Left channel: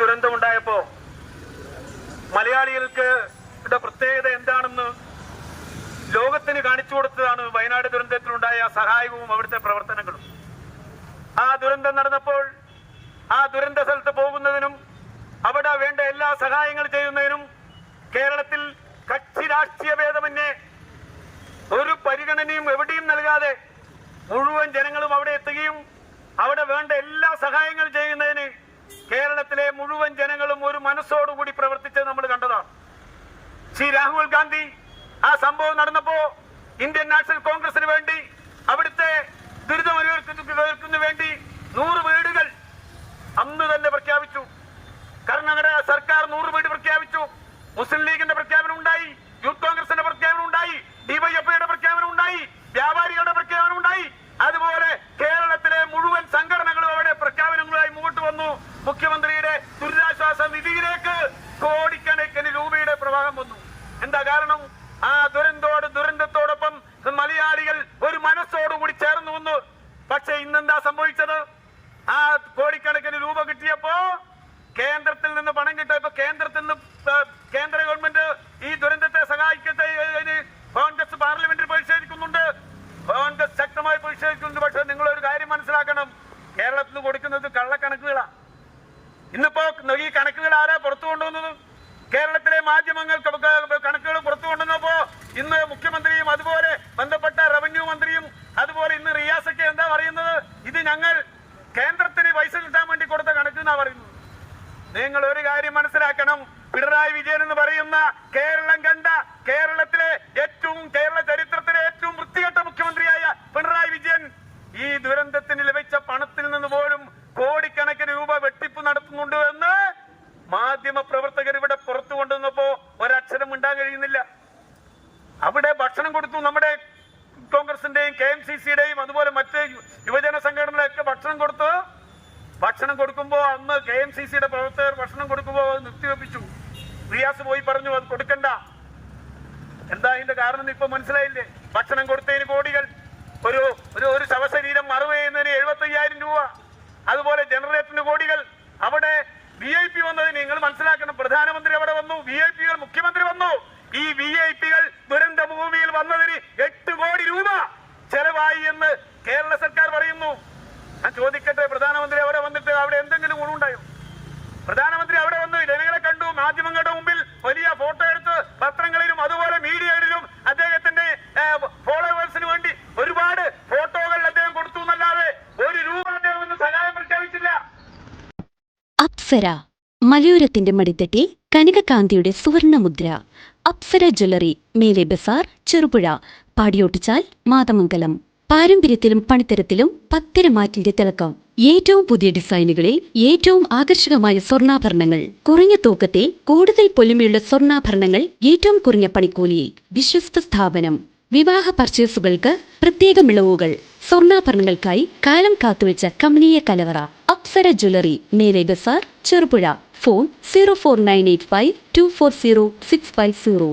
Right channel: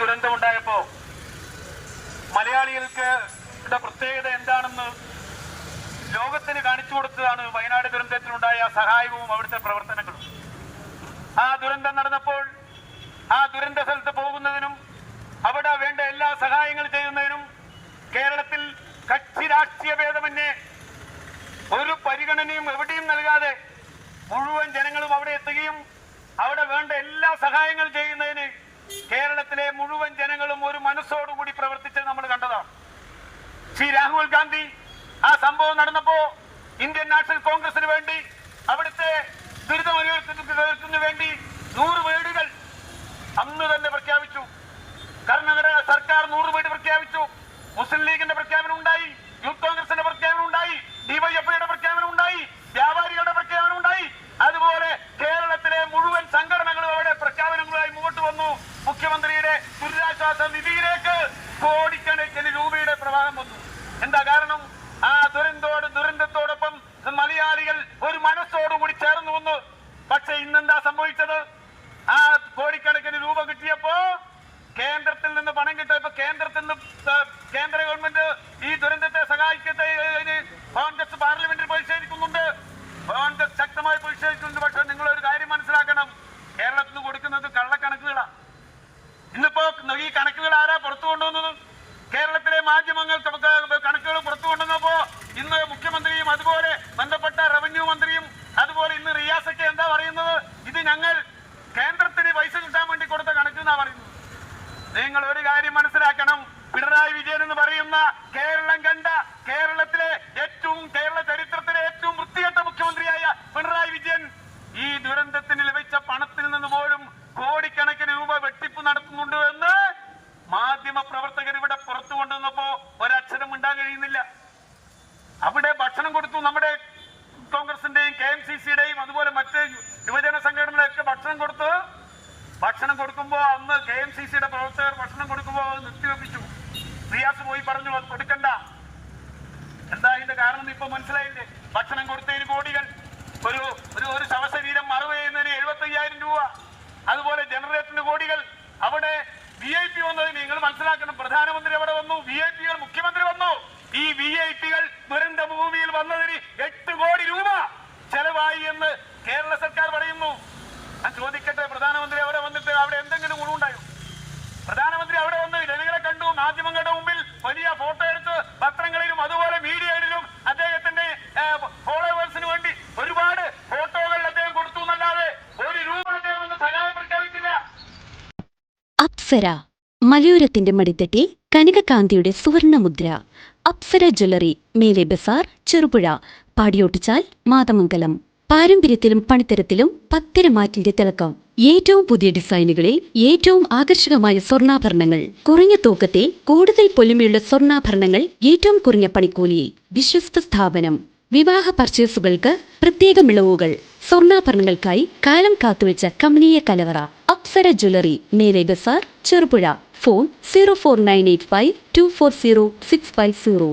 ദുരന്തമുണ്ടായപ്പോ മലയാളികൾക്ക് പ്രത്യേകത എന്താണെന്ന് ലോകത്തിന് കാണിച്ചു കൊടുത്തതാണ് വയനാട് ദുരന്തത്തിലുണ്ടായ സഹായവും അവിടുത്തെ പ്രവർത്തനങ്ങളും. ആ ദുരന്തം നടന്നപ്പോൾ ആ ദുരന്ത സ്ഥലത്ത് പോകുന്നതിനും അവിടെ വേണ്ട എല്ലാ സഹായങ്ങൾ ചെയ്യുന്നതിനും കേരളത്തിൽ കക്ഷി രാഷ്ട്രീയ ഭേദമന്യേ ഒരു പരിഗണനയും എവിടെയും നൽകാതെ മുഴുവൻ ജനങ്ങളും അവിടെ എത്തുകയും അവിടെ വേണ്ട എല്ലാ സഹായങ്ങളും ചെയ്യുന്നതിന് കേരളത്തിലെ മുഴുവൻ ജനങ്ങളും ഒരു മനസ്സോടുകൂടി പ്രവർത്തിച്ചത് നമ്മൾ കണ്ടതാണ്. ശ്രീ രാഹുൽ ഗാന്ധി ആ സംഭവം നടന്നപ്പോ ഇന്ത്യൻ നാഷണൽ കോൺഗ്രസിന് വേണ്ടി അവിടുത്തെ വേണ്ടി എന്താ കാരണം? ആ ദുരന്തോട് ദുരന്തത്തോടൊപ്പം മലയാളികൾ ഒരു മനസ്സോടുകൂടി ചേർന്നു വന്നു പക്ഷെ ഇന്നെന്താ സംഭവിച്ചത്? ആ കോടിക്കണക്കിന് രൂപ കിട്ടിയപ്പോ കേന്ദ്രത്തിൽ നിന്ന് പണം കിട്ടിയപ്പോ കേന്ദ്രത്തിൽ നിന്ന് കേന്ദ്ര ഗവൺമെന്റ് ഈ ദുരന്തത്തെ സഹായിക്കട്ടെ കോൺഗ്രസ് പാർലമെന്റിൽ പ്രതിഷേധിക്കുന്നുണ്ട്. കോൺഗ്രസ് ശക്തമായി പ്രതിഷേധിക്കുന്നുണ്ട്. പക്ഷെ നിങ്ങൾ ഒരു കാര്യം മനസ്സിലാക്കണം. കേരളത്തിൽ നിന്ന് കൊടുക്കുന്നത് കള്ളക്കണക്കുകളാണ് ഇന്നിപ്പോ ഈ കണക്കുകൾ ആരാ പുറത്തു കൊണ്ടുവന്നത്? കേരളത്തിലെ മാധ്യമങ്ങൾ ക- കണക്കുകൾ പുറത്തു കൊണ്ടുവന്നപ്പോ ഇന്ന് മുഖ്യമന്ത്രിയും അതുപോലെ ബന്ധപ്പെട്ട റവന്യൂ മന്ത്രിയും അതുപോലെ ഇന്ന് റിയാസൊക്കെ എന്താ പറയുന്നത്? ഇത് ഞങ്ങൾ കേന്ദ്രത്തിന് പൈസ കിട്ടാൻ വേണ്ടി കൊടുത്ത കണക്ക് എന്നാ പറയുന്നത്. നിങ്ങൾ ഒരു കാര്യം മനസ്സിലാക്കണം. പിണറായി വിജയൻ എന്ന് പറയുന്ന കേരളം കണ്ട കേരളത്തിലെ ഏറ്റവും കേരള ചരിത്രത്തിലെ ഏറ്റവും വൃത്തികെട്ട മുഖ്യമന്ത്രിയായ പിണറായി വിജയൻ ഈ ദുരന്തത്തിന് ലഭിച്ച പണത്തിൽ നിന്ന് പോലും കോടിക്കണക്കിന് രൂപ വെട്ടിപ്പ് നടത്തുന്നുണ്ട് എന്ന് മാധ്യമ പ്രവർത്തകർ ഇവിടെ പുറത്തു കൊണ്ടുവന്നപ്പോ ഒരക്ഷരം കഴിയുന്നില്ല അവിടെ ഭക്ഷണം കൊടുത്തു നമ്മുടെ കോൺഗ്രസിന്റെയും കെ എം സി സിയുടെയും അതുപോലെ മറ്റ് യുവജന സംഘടനകളൊക്കെ ഭക്ഷണം കൊടുത്തു ഭക്ഷണം കൊടുക്കുമ്പോ അന്ന് കെ എം സി സിയുടെ പ്രവർത്തകർ ഭക്ഷണം കൊടുക്കുമ്പോ അത് നിർത്തിവെപ്പിച്ചു. റിയാസ് പോയി പറഞ്ഞു അത് കൊടുക്കണ്ട. എന്താ ഇതിന്റെ കാരണം ഇപ്പൊ മനസ്സിലായില്ലേ? ഭക്ഷണം കൊടുത്തതിന് കോടികൾ. ഒരു ഒരു ഒരു ശവശരീരം മറവ് ചെയ്യുന്നതിന് എഴുപത്തി അയ്യായിരം രൂപ. അതുപോലെ ജനറേറ്ററിന് കോടികൾ. അവിടെ വി ഐ പി വന്നതിന് നിങ്ങൾ മനസ്സിലാക്കണം. പ്രധാനമന്ത്രി അവിടെ വന്നു വി ഐ പികൾ ഈ വി ഐ പികൾ ദുരന്ത ഭൂമിയിൽ വന്നതിന് എട്ട് കോടി രൂപ ചെലവായി എന്ന് കേരള സർക്കാർ പറയുന്നു. ഞാൻ ചോദിക്കട്ടെ പ്രധാനമന്ത്രി അവിടെ വന്നിട്ട് അവിടെ എന്തെങ്കിലും ഗുണമുണ്ടായോ? പ്രധാനമന്ത്രി അവിടെ വന്നു ജനങ്ങളെ കണ്ടു മാധ്യമങ്ങളുടെ മുമ്പിൽ വലിയ ഫോട്ടോ എടുത്ത് പത്രങ്ങളിലും അതുപോലെ മീഡിയയിലും അദ്ദേഹത്തിന്റെ ഫോളോവേഴ്സിന് വേണ്ടി ഒരുപാട് ഫോട്ടോകൾ അദ്ദേഹം കൊടുത്തു എന്നല്ലാതെ ഒരു രൂപ അദ്ദേഹം സഹായം പ്രഖ്യാപിച്ചില്ല. അപ്സര മലയോരത്തിന്റെ മടിത്തട്ടി കനകകാന്തിയുടെ സുവർണമുദ്ര അപ്സര ജ്വല്ലറി മേലെ ബസാർ ചെറുപുഴ പാടിയോട്ടിച്ചാൽ മാതമംഗലം. പാരമ്പര്യത്തിലും പണിത്തരത്തിലും പത്തിരമാറ്റിന്റെ തിളക്കം. ഏറ്റവും പുതിയ ഡിസൈനുകളിൽ ഏറ്റവും ആകർഷകമായ സ്വർണാഭരണങ്ങൾ. കുറഞ്ഞ തൂക്കത്തെ കൂടുതൽ പൊലിമയുള്ള സ്വർണാഭരണങ്ങൾ ഏറ്റവും കുറഞ്ഞ പണിക്കൂലി വിശ്വസ്ത സ്ഥാപനം. വിവാഹ പർച്ചേസുകൾക്ക് പ്രത്യേക മിളവുകൾ. സ്വർണാഭരണങ്ങൾക്കായി കാലം കാത്തുവെച്ച കമനീയ കലവറ അപ്സര ജ്വല്ലറി മേലെ Bazar Cherupuzha. Phone zero four nine eight five two four zero six five zero